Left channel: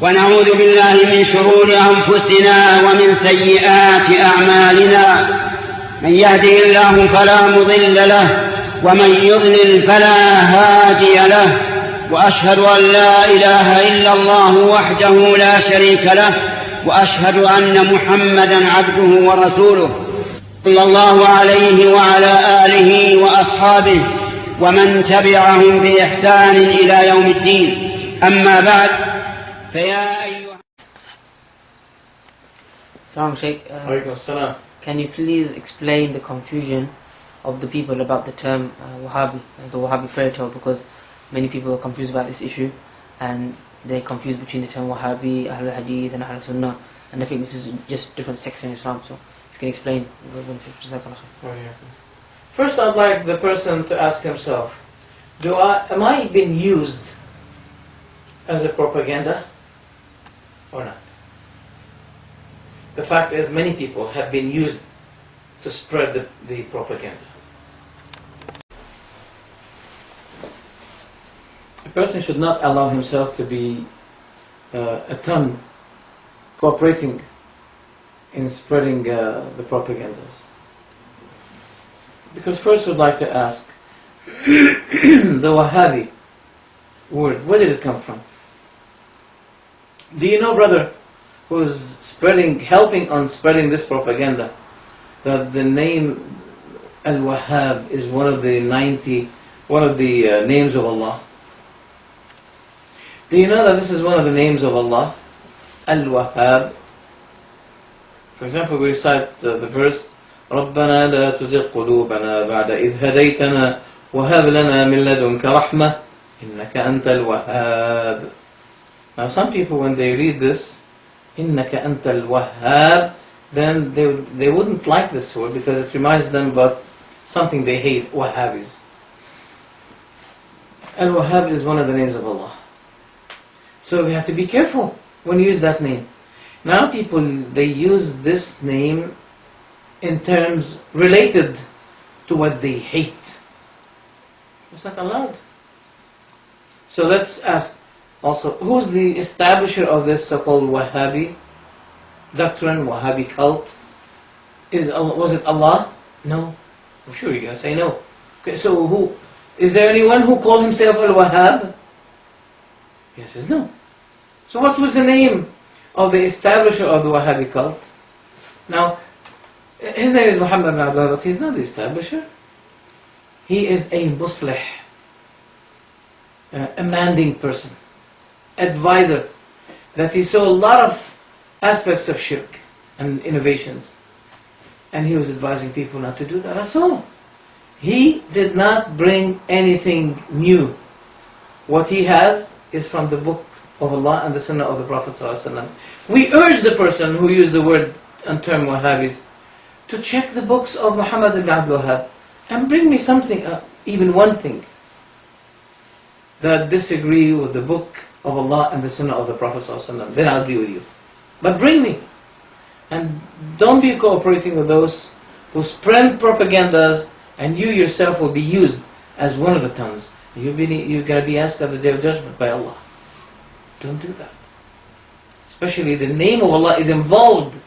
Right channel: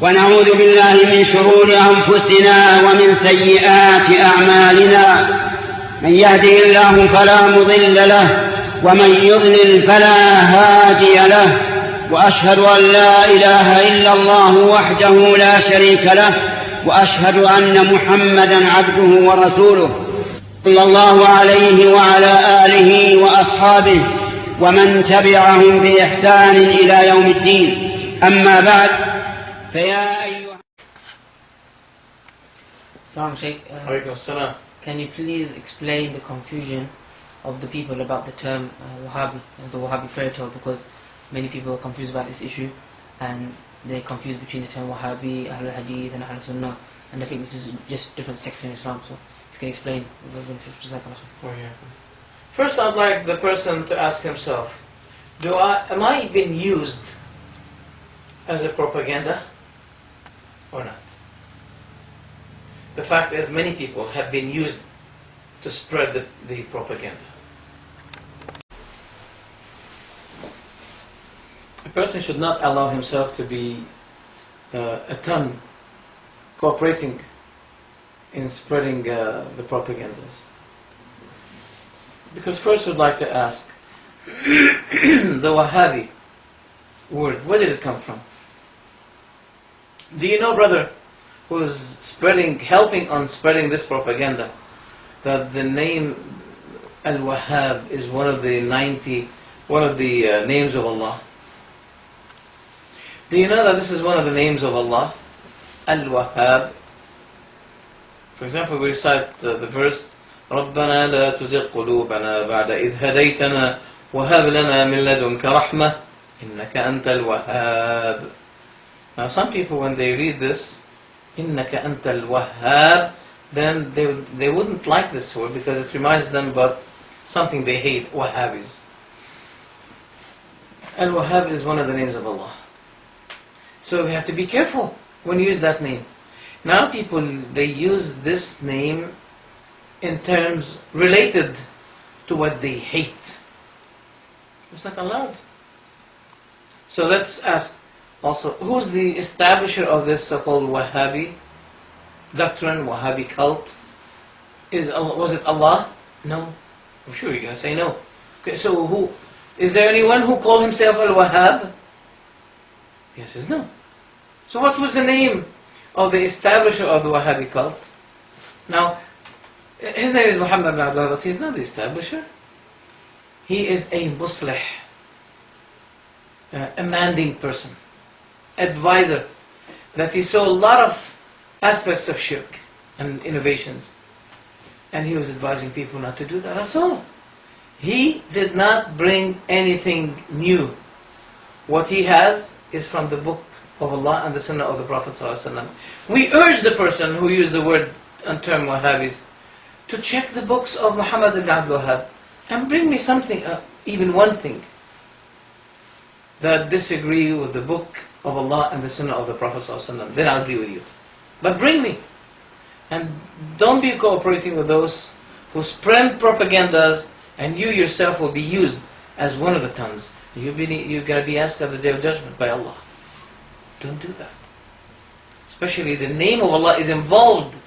ونعوذ بالله من شرور أنفسنا ومن سيئات أعمالنا. من يهده الله فلا مضل له ومن يضلل فلا هادي له، وأشهد أن لا إله إلا الله وحده لا شريك له، وأشهد أن محمدًا عبده ورسوله صلى الله عليه وعلى آله وأصحابه ومن تبعهم بإحسان إلى يوم الدين. أما بعد فيا أيها Can you please explain the confusion of the people about the term Wahhabi, the Wahhabi fairy tale, because many people are confused about this issue and they're confused between the term Wahhabi, Ahlul Hadith and Ahlul Sunnah, and I think this is just different sects in Islam, so if you can explain. First, I'd like the person to ask himself, am I being used as a propaganda or not? The fact is, many people have been used to spread the propaganda. A person should not allow himself to be a tongue cooperating in spreading the propagandas. Because first we'd like to ask, the Wahhabi word, where did it come from? Do you know, brother, who's helping on spreading this propaganda, that the name Al-Wahhab is one of the names of Allah? Do you know that this is one of the names of Allah? Al-Wahhab. For example, we recite the verse, رَبَّنَا لَا تُزِغْ قُلُوبَنَا بَعْدَ إِذْ هَدَيْتَنَا وَهَبْ لَنَا مِن لَدُنْكَ رَحْمَةً إِنَّكَ أَنْتَ الْوَهَّابُ. Now some people, when they read this, إِنَّكَ أَنْتَ الْوَهَّابُ, then they wouldn't like this word because it reminds them about something they hate, Wahhabis. Al-Wahhab is one of the names of Allah. So we have to be careful when you use that name. Now people, they use this name in terms related to what they hate. It's not allowed. So let's ask also, who's the establisher of this so-called Wahhabi doctrine, Wahhabi cult? Was it Allah? No. I'm sure you're going to say no. Okay, so who? Is there anyone who called himself Al-Wahhab? The answer is no. So what was the name of the establisher of the Wahhabi cult? Now, his name is Muhammad ibn Abdullah, but he's not the establisher. He is a muslih, a manding person, advisor, that he saw a lot of aspects of shirk and innovations, and he was advising people not to do that. That's all. He did not bring anything new. What he has is from the book of Allah and the Sunnah of the Prophet ﷺ. We urge the person who used the word and term Wahhabis to check the books of Muhammad ibn Abdul Wahhab and bring me something, even one thing, that disagree with the book of Allah and the Sunnah of the Prophet ﷺ. Then I'll agree with you. But bring me. And don't be cooperating with those who spread propagandas, and you yourself will be used as one of the tongues. You're going to be asked at the Day of Judgment by Allah. Don't do that. Especially the name of Allah is involved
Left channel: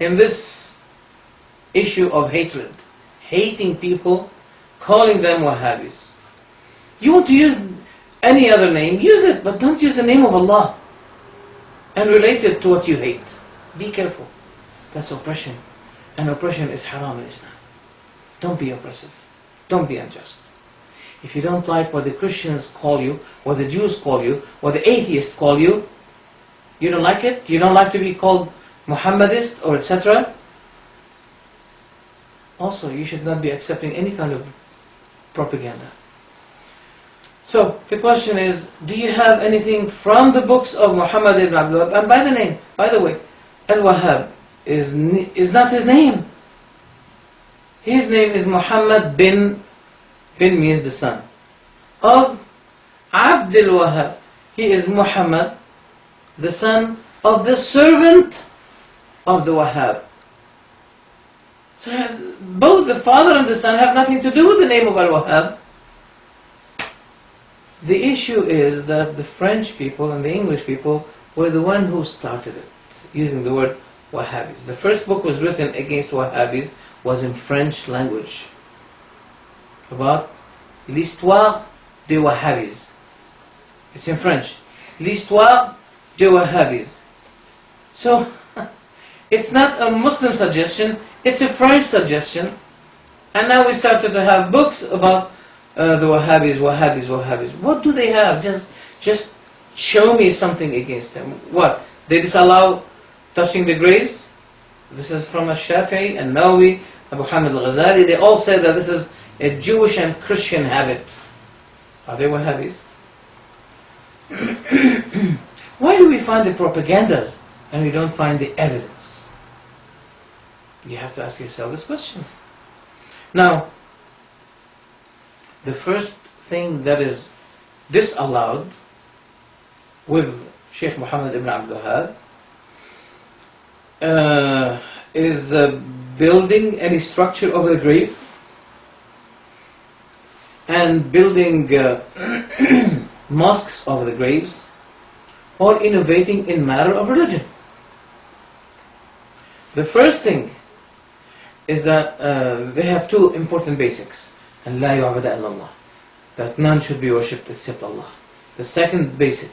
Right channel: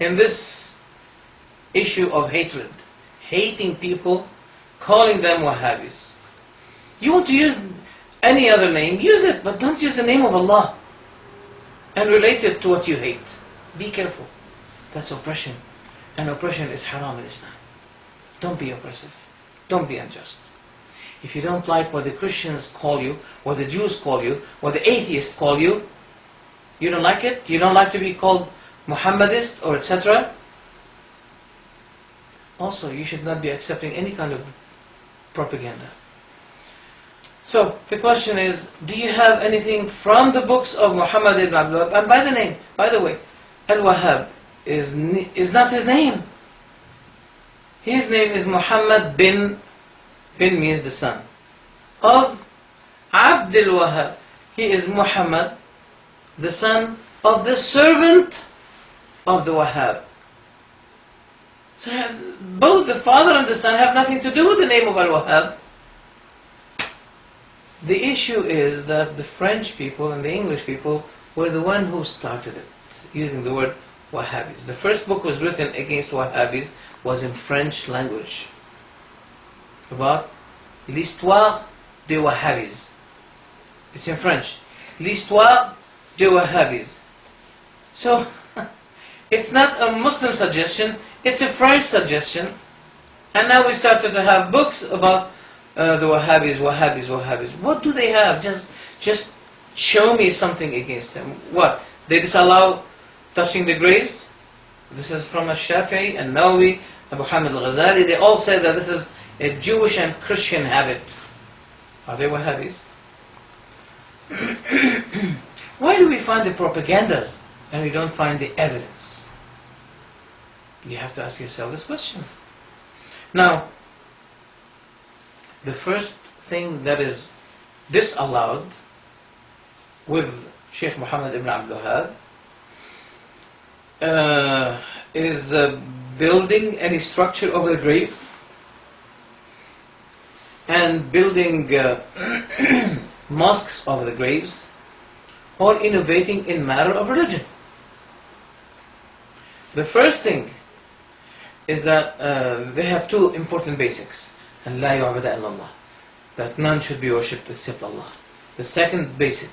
in this issue of hatred. Hating people, calling them Wahhabis. You want to use any other name, use it, but don't use the name of Allah and relate it to what you hate. Be careful. That's oppression. And oppression is haram in Islam. Don't be oppressive. Don't be unjust. If you don't like what the Christians call you, what the Jews call you, what the atheists call you, you don't like it? You don't like to be called Muhammadist or etc.? Also, you should not be accepting any kind of propaganda. So, the question is, do you have anything from the books of Muhammad ibn Abdul Wahhab? And by the way, Al-Wahhab is not his name. His name is Muhammad bin means the son of Abdul Wahhab. He is Muhammad, the son of the servant of the Wahhab. So both the father and the son have nothing to do with the name of Al-Wahhab. The issue is that the French people and the English people were the one who started it, using the word Wahhabis. The first book was written against Wahhabis was in French language, about l'histoire des Wahhabis. It's in French. L'histoire des Wahhabis. So, it's not a Muslim suggestion, it's a French suggestion. And now we started to have books about the Wahhabis. What do they have? Just show me something against them. What? They disallow touching the graves? This is from Shafi'i and Nawawi, Abu Hamid al-Ghazali. They all say that this is a Jewish and Christian habit. Are they Wahhabis? Why do we find the propagandas and we don't find the evidence? You have to ask yourself this question. Now, the first thing that is disallowed with Sheikh Muhammad ibn Abdul Wahhab is building any structure over the grave and building mosques over the graves or innovating in matter of religion. The first thing is that they have two important basics. And لا يعبد إلا الله, that none should be worshipped except Allah. The second basic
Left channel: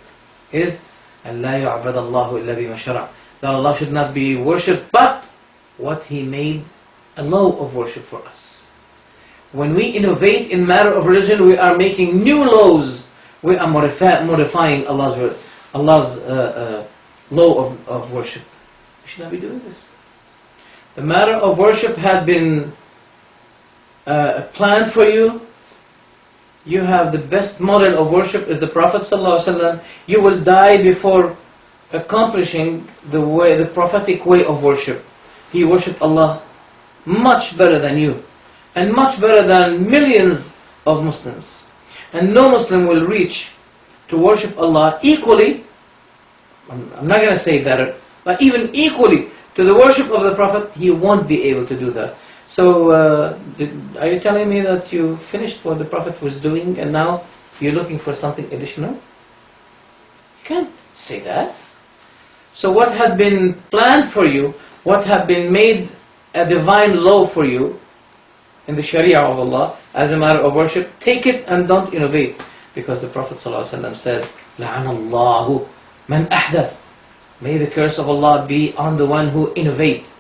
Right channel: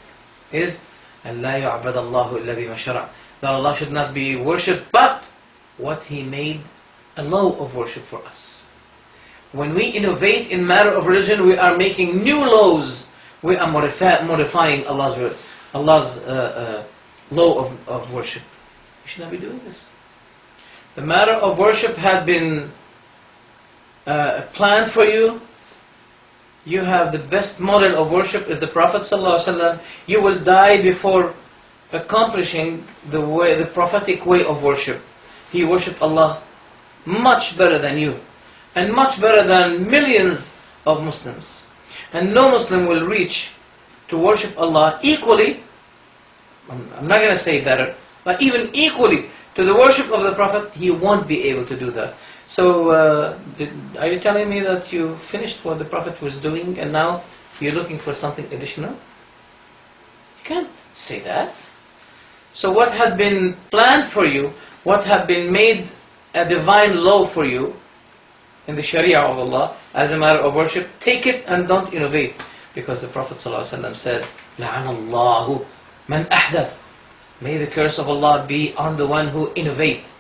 is أن لا يعبد الله إلا بما شرع, that Allah should not be worshipped but what He made a law of worship for us. When we innovate in matter of religion, we are making new laws. We are modifying Allah's law of worship. We should not be doing this. The matter of worship had been planned for you. You have the best model of worship is the Prophet ﷺ. You will die before accomplishing the prophetic way of worship. He worshipped Allah much better than you, and much better than millions of Muslims. And no Muslim will reach to worship Allah equally, I'm not going to say better, but even equally to the worship of the Prophet. He won't be able to do that. So, are you telling me that you finished what the Prophet was doing and now you're looking for something additional? You can't say that. So what had been planned for you, what had been made a divine law for you in the Sharia of Allah as a matter of worship, take it and don't innovate. Because the Prophet ﷺ said, لَعَنَ اللَّهُ مَنْ أَحْدَث, may the curse of Allah be on the one who innovates.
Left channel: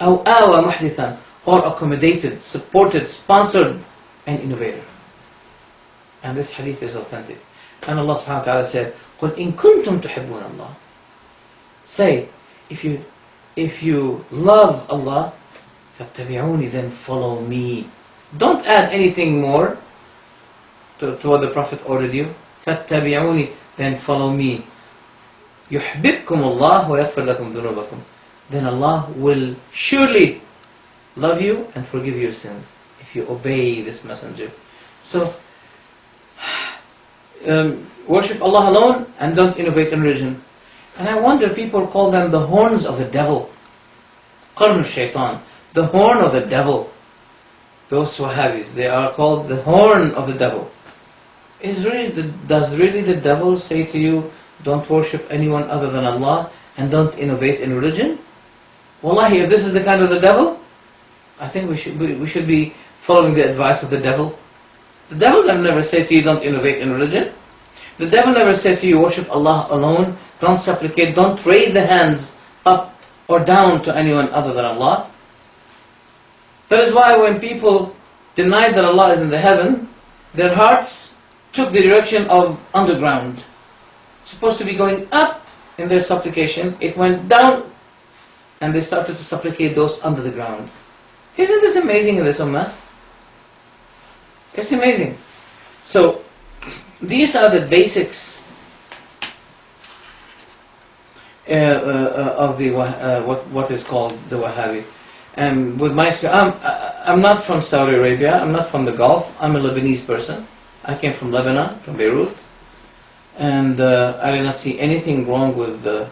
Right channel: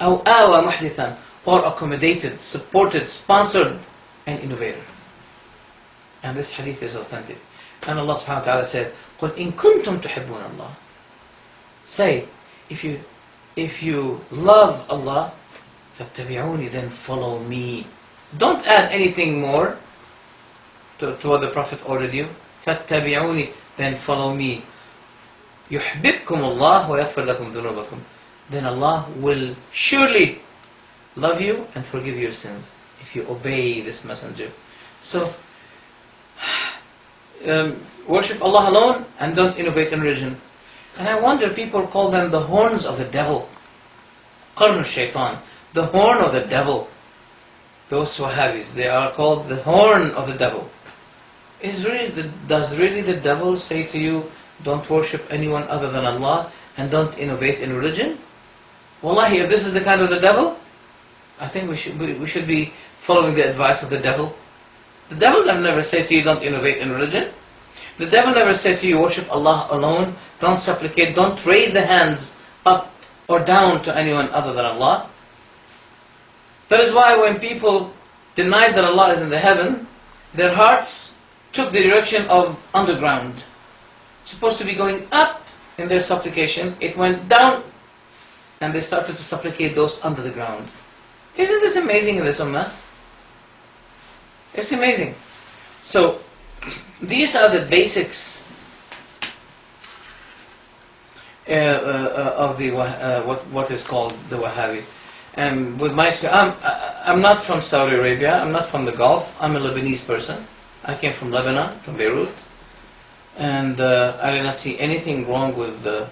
أو آوى محدثا, or accommodated, supported, sponsored an innovator. And this hadith is authentic. And Allah subhanahu wa ta'ala said, قُلْ إِن كُنْتُمْ تُحِبُّونَ اللَّهِ, say, if you love Allah, فَاتَّبِعُونِ, then follow me. Don't add anything more to what the Prophet ordered you. فَاتَّبِعُونِ, then follow me. يُحْبِبْكُمُ اللَّهُ وَيَغْفِرْ لَكُمْ ذُنُوبَكُمْ, then Allah will surely love you and forgive your sins if you obey this messenger. So, worship Allah alone and don't innovate in religion. And I wonder, people call them the horns of the devil. Qarn al-Shaytan, the horn of the devil. Those Wahhabis, they are called the horn of the devil. Does really the devil say to you, don't worship anyone other than Allah and don't innovate in religion? Wallahi, if this is the kind of the devil, I think we should be following the advice of the devil. The devil never said to you, don't innovate in religion. The devil never said to you, worship Allah alone, don't supplicate, don't raise the hands up or down to anyone other than Allah. That is why when people denied that Allah is in the heaven, their hearts took the direction of underground. It's supposed to be going up in their supplication, it went down, and they started to supplicate those under the ground. Isn't this amazing in this ummah? It's amazing. So, these are the basics of the what is called the Wahhabi. And with my experience, I'm not from Saudi Arabia, I'm not from the Gulf, I'm a Lebanese person. I came from Lebanon, from Beirut. And I did not see anything wrong with their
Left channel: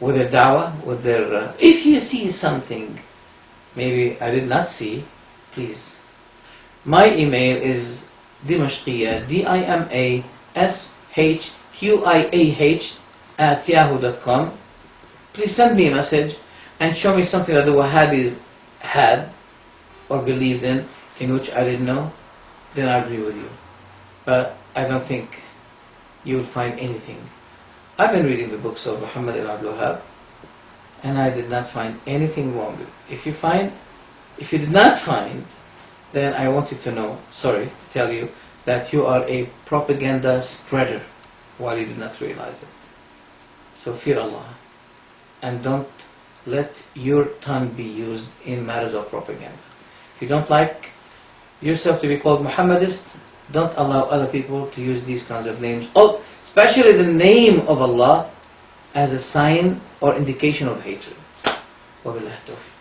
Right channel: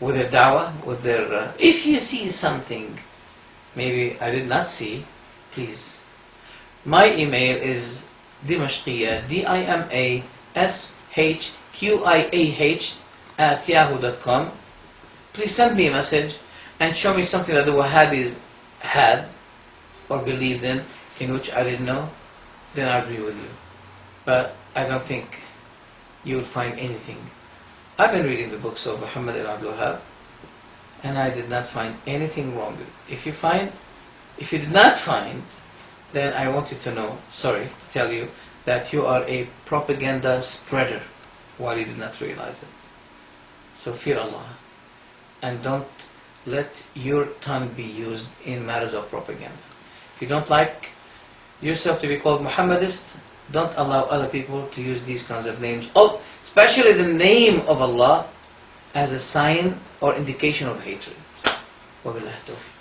da'wah, with their... if you see something maybe I did not see, please. My email is Dimashqiah, DIMASHQIAH wahhabism@yahoo.com. Please send me a message and show me something that the Wahhabis had or believed in which I didn't know, then I agree with you. But I don't think you will find anything. I've been reading the books of Muhammad ibn Abdul Wahhab, and I did not find anything wrong with it. If you did not find, then I want you to know, sorry to tell you, that you are a propaganda spreader while you did not realize it. So fear Allah, and don't let your tongue be used in matters of propaganda. If you don't like yourself to be called Muhammadist, don't allow other people to use these kinds of names, especially the name of Allah, as a sign or indication of hatred. وبالله التوفيق.